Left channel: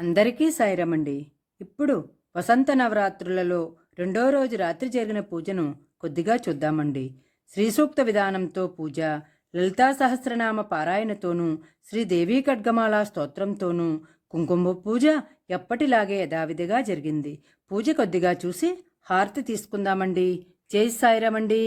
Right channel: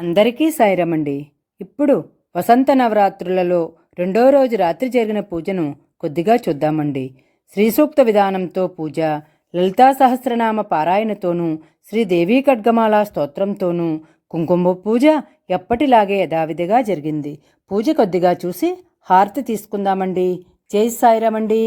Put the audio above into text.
అందరికీ సాయిరమండి. ఇప్పుడు వసంత నవరాత్రులలో రెండో రోజు రాత్రి జరిగిన పూజను కొద్దిగా చూద్దామండి. శ్రీసూక్త విధానంతో పూజ లలితా సహస్రనామ పారాయణతోనూ శ్రీదేవీ ఖడ్గమాల స్తోత్రంతోనూ కుంకుమ పూజ ఎప్పటిలాగే యథావిధిగా జరిగింది. పూజ కొద్దిగా చూసి హారతి తీసుకుందామండి. జై సాయిరామండి.